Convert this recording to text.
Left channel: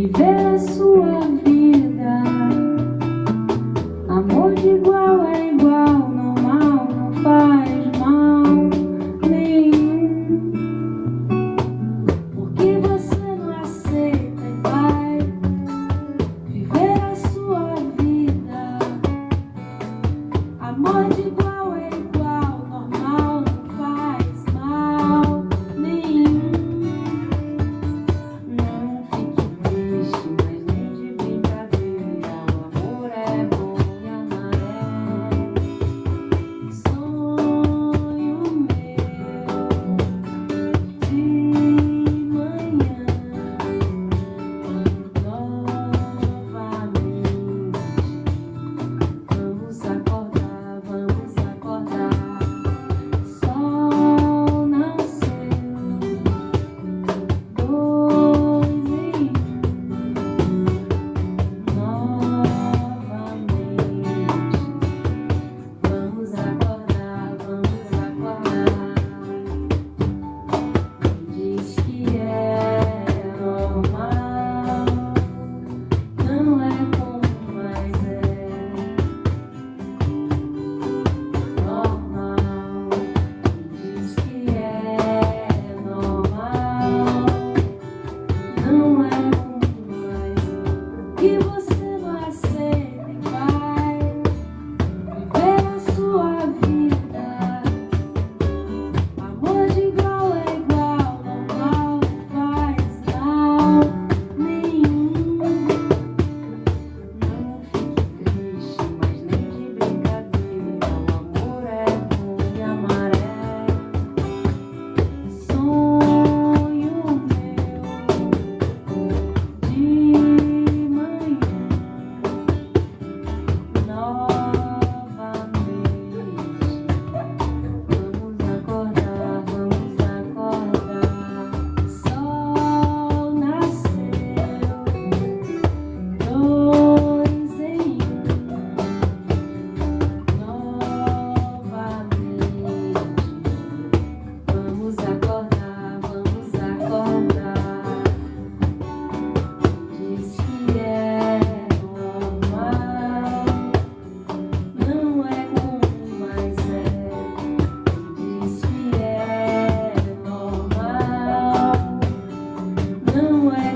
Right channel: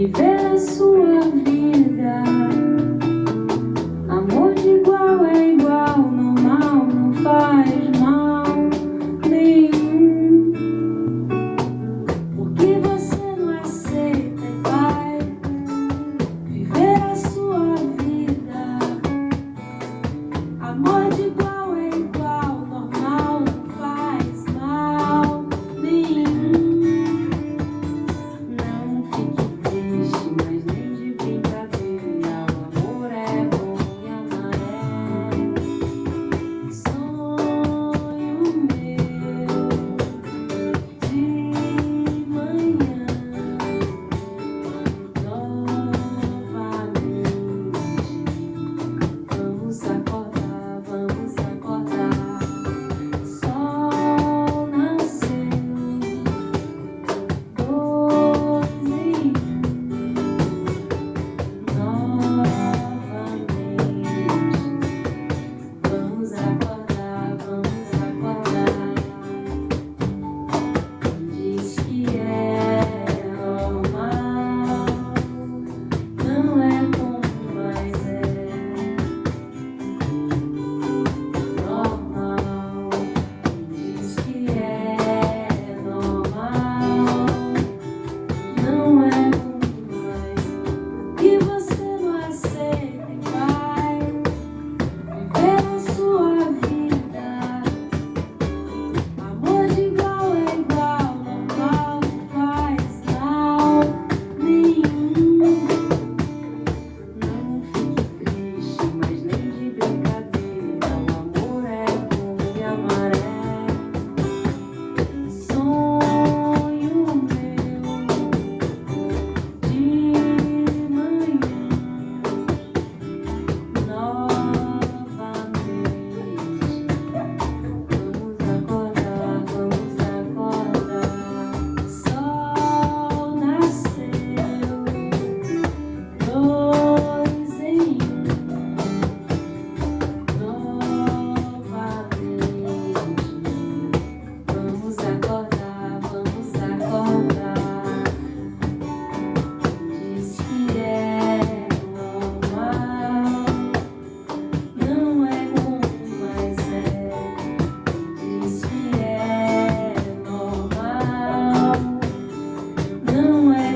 viver a sua vida. Amor de igual é igual, normal, não faz mal nenhum. Porque você não aceita e vai viver a sua vida. Amor de igual é igual, normal, não faz mal nenhum. Não fique triste, mas nem de brincadeira. O amor é bom e amarelo. Sonho meu de manhã, novamente. Vamos acordar, vamos acordar. Sol nasceu, dois em um, novamente. Vamos acordar, vamos acordar. Diz que é normal, não é como mais é normal. Diz que é normal, não é como mais é. Que você não aceita e vai viver a sua vida. Amor de igual é igual, normal, não faz mal nenhum. Não fique triste, mas nem de brincadeira. O amor é bom e amarelo. Sonho meu de manhã, novamente. Vamos acordar, vamos acordar. Sol nasceu, dois em um, novamente. Vamos acordar, vamos acordar. Diz que é normal, não é como mais é. Diz que é normal, não é